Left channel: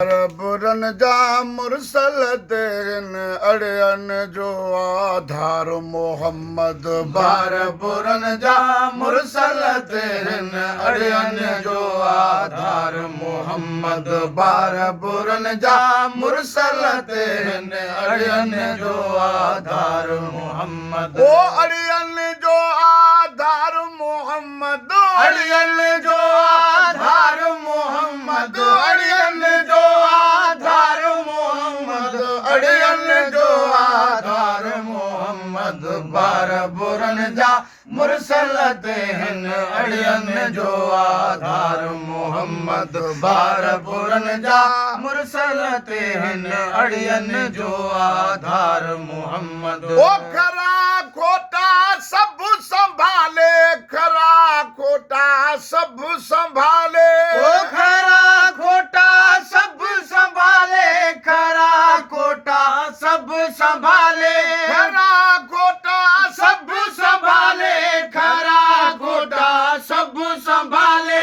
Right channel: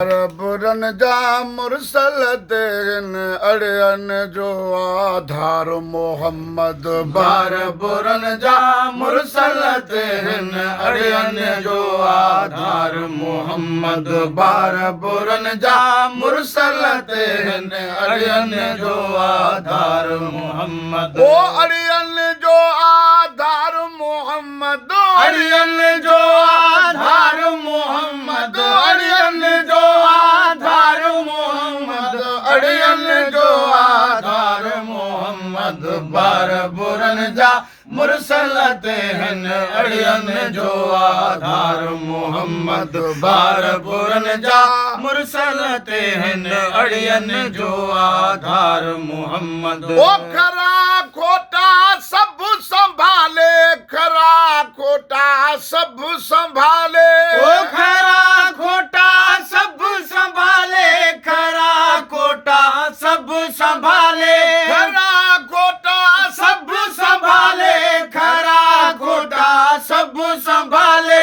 बुरन जा मुरसल तेन अड़ियन जो आधार मोहम्मद बार बुरन जा मुरसल तेन अड़ियन जो आधार मोहम्मद बार बुरन जा मुरसल तेन अड़ियन जो आधार मोहम्मद ओ अड़ियन जो आधार मोहम्मद अड़ियन जो आधार मोहम्मद अड़ियन जो आधार मोहम्मद अड़ियन जो आधार मोहम्मद बार बुरन जा मुरसल तेन अड़ियन जो आधार मोहम्मद बार बुरन जा मुरसल तेन अड़ियन जो आधार मोहम्मद ओ खरा खोटा सब संभाले खरा खोटा सब संभाले ओ खरा खोटा सब संभाले खरा खोटा सब संभाले खरा खोटा सब संभाले खरा खोटा सब संभाले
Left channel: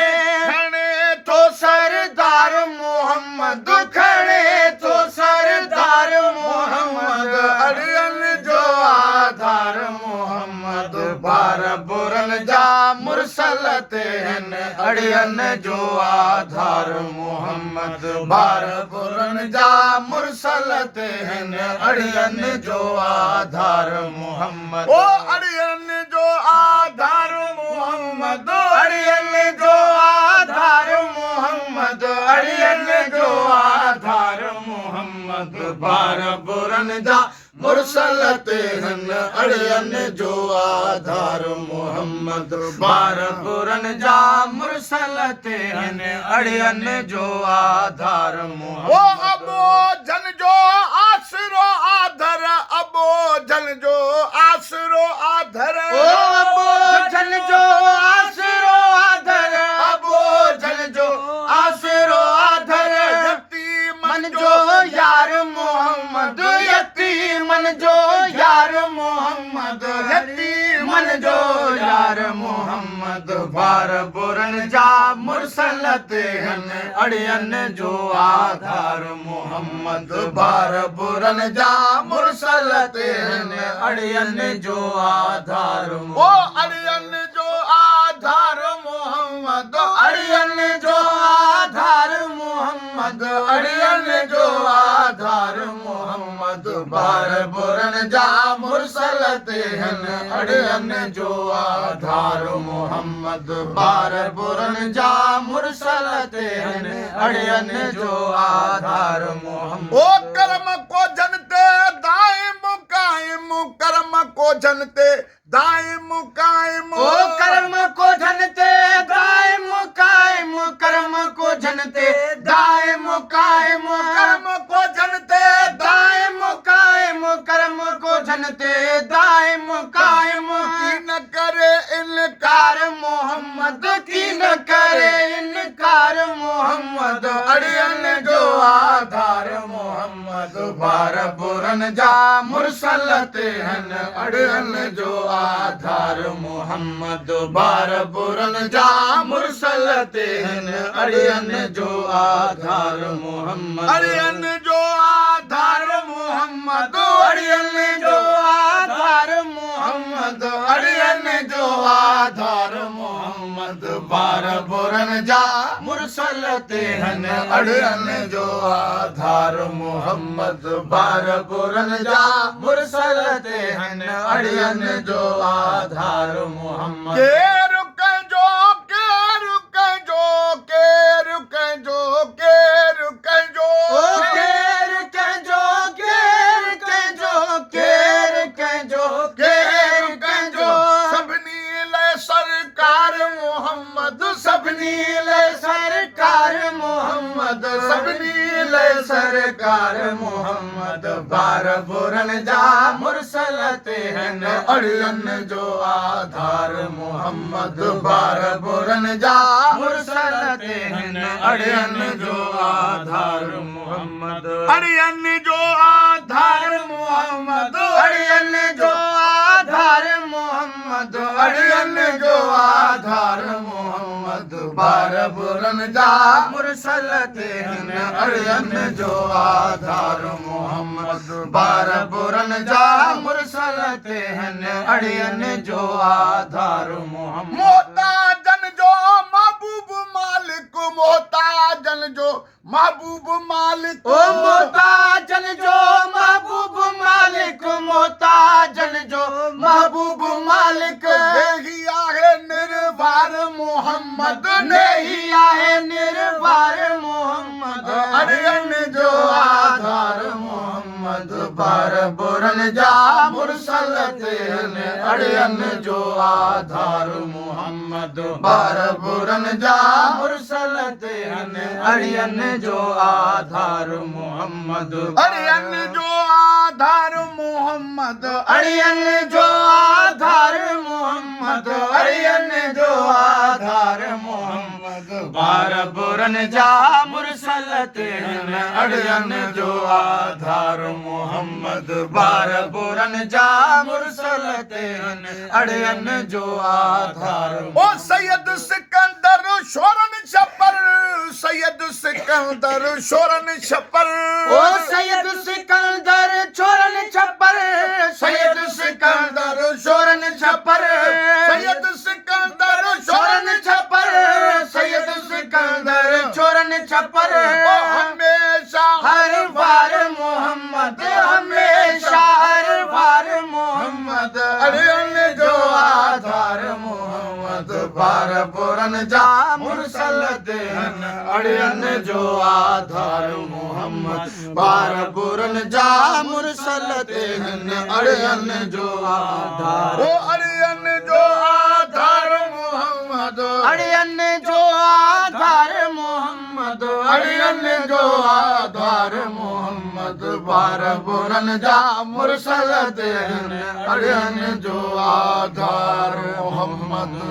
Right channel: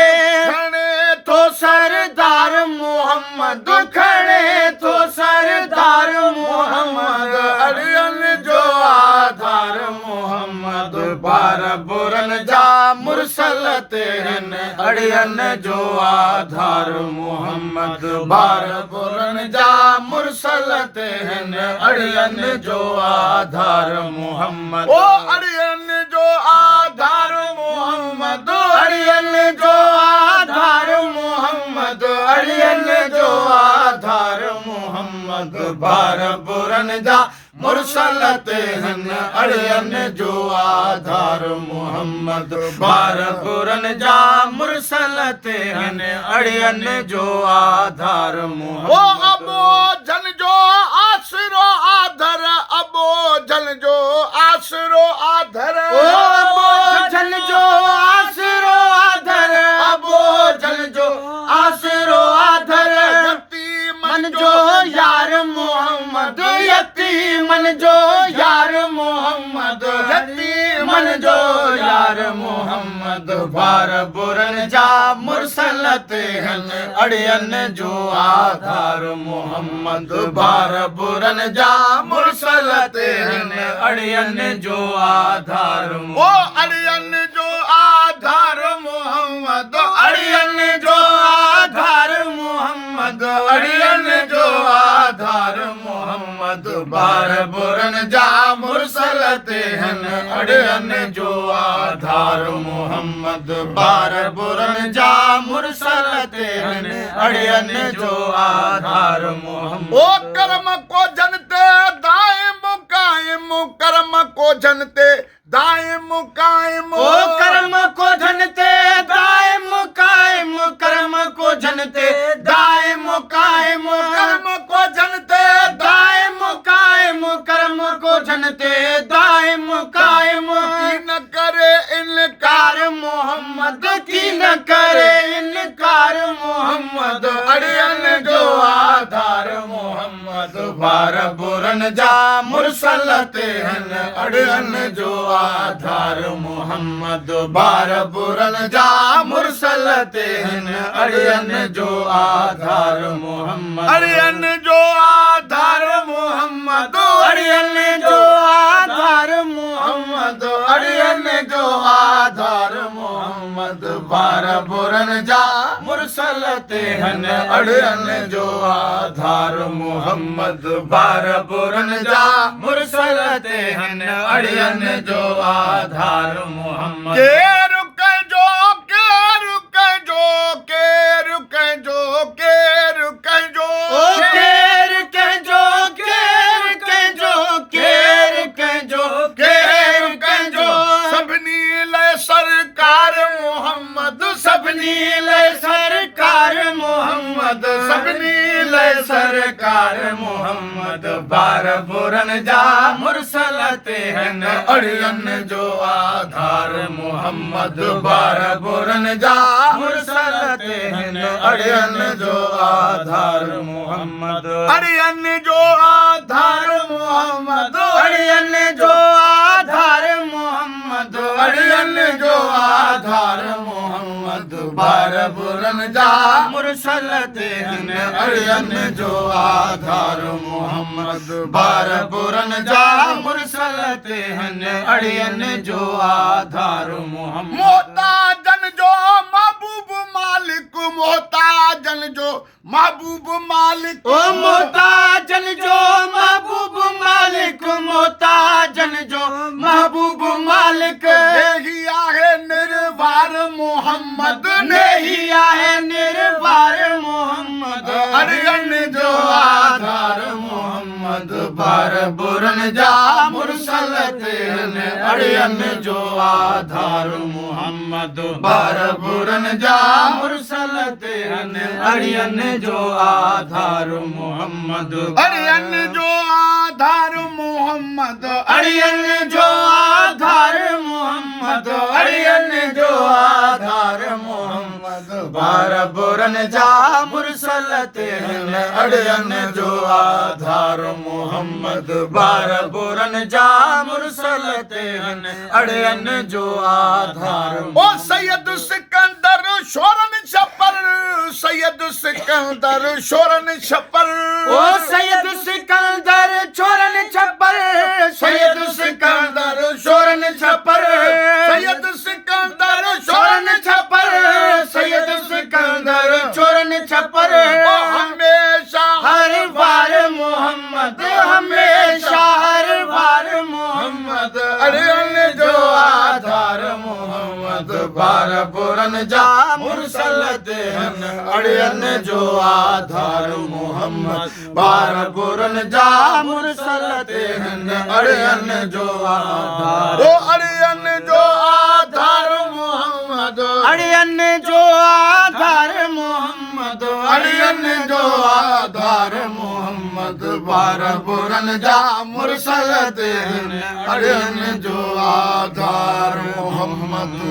खड़े तो सरदार मोहम्मद खड़े तो सरदार मोहम्मद अड़ियन जो आधार मोहम्मद बार बुरन जा मुरसल तेन अड़ियन जो आधार मोहम्मद बार बुरन जा मुरसल तेन अड़ियन जो आधार मोहम्मद ओ अड़ियन जो आधार मोहम्मद अड़ियन जो आधार मोहम्मद अड़ियन जो आधार मोहम्मद बार बुरन जा मुरसल तेन अड़ियन जो आधार मोहम्मद बार बुरन जा मुरसल तेन अड़ियन जो आधार मोहम्मद ओ अबो जन जो आसरो आधर अबो जन जो आसरो आधर ओ अबो जन जो आसरो आधर अबो जन जो आसरो आधर मन जो यार मोहम्मद यतीमन जो यार मोहम्मद यतीमन जो यार मोहम्मद बार बुरन जा मुरसल तेन अड़ियन जो आधार मोहम्मद बार बुरन जा मुरसल तेन अड़ियन जो आधार ओ अड़ियन जो आधार मोहम्मद अड़ियन जो आधार मोहम्मद अड़ियन जो आधार मोहम्मद बार बुरन जा मुरसल तेन अड़ियन जो आधार मोहम्मद बार बुरन जा मुरसल तेन अड़ियन जो आधार मोहम्मद ओ कर्म को जनते दायम कायम कर्म को जनते दायम कायम ओ कर्म को जनते दायम कायम कर्म को जनते दायम कायम कर्म को जनते दायम कायम कर्म को जनते दायम कायम की न करे इनकार मोहम्मद की न करे इनकार मोहम्मद अड़ियन जो आधार मोहम्मद बार बुरन जा मुरसल तेन अड़ियन जो आधार मोहम्मद बार बुरन जा मुरसल तेन अड़ियन जो आधार मोहम्मद अड़ियन जो आधार मोहम्मद अड़ियन जो आधार मोहम्मद अड़ियन जो आधार मोहम्मद बार बुरन जा मुरसल तेन अड़ियन जो आधार मोहम्मद बार बुरन जा मुरसल तेन अड़ियन जो आधार मोहम्मद के रुक जो के रुक जो के रुक जो के रुक जो के रुक जो के रुक जो के रुक जो के रुक जो सबनी ले सरकार मोहम्मद सबनी ले सरकार मोहम्मद सबनी ले सरकार मोहम्मद बार बुरन जा मुरसल तेन अड़ियन जो आधार मोहम्मद बार बुरन जा मुरसल तेन अड़ियन जो आधार मोहम्मद अड़ियन जो आधार मोहम्मद अड़ियन जो आधार मोहम्मद मोहम्मद अड़ियन जो आधार मोहम्मद बार बुरन जा मुरसल ते हन अड़ियन जो आधार मोहम्मद बार बुरन जा मुरसल ते हन अड़ियन जो आधार मोहम्मद मोहताजन जो महबूब मालिक मोहताजन जो महबूब मालिक ओ मोहताजन जो महबूब मालिक मोहताजन जो महबूब मालिक नहीं आहे निर्वार मोहम्मद नहीं आहे निर्वार मोहम्मद अड़ियन जो आधार मोहम्मद बार बुरन जा मुरसल ते हन अड़ियन जो आधार मोहम्मद बार बुरन जा मुरसल ते हन अड़ियन जो आधार मोहम्मद अड़ियन जो आधार मोहम्मद अड़ियन जो आधार मोहम्मद अड़ियन जो आधार मोहम्मद बार बुरन जा मुरसल ते हन अड़ियन जो आधार मोहम्मद बार बुरन जा मुरसल ते हन अड़ियन जो आधार ओ सैयद सिकंदर शोरन छपर सैयद सिकंदर शोरन छपर ओ सैयद सिकंदर शोरन छपर सैयद सिकंदर शोरन छपर सैयद सिकंदर शोरन छपर सैयद सिकंदर शोरन छपर ओ हमेशा हर बार मोहम्मद हमेशा हर बार मोहम्मद अड़ियन जो आधार मोहम्मद बार बुरन जा मुरसल ते हन अड़ियन जो आधार मोहम्मद बार बुरन जा मुरसल ते हन अड़ियन जो आधार ओ अड़ियन जो आधार मोहम्मद अड़ियन जो आधार मोहम्मद अड़ियन जो आधार मोहम्मद बार बुरन जा मुरसल ते हन अड़ियन जो आधार मोहम्मद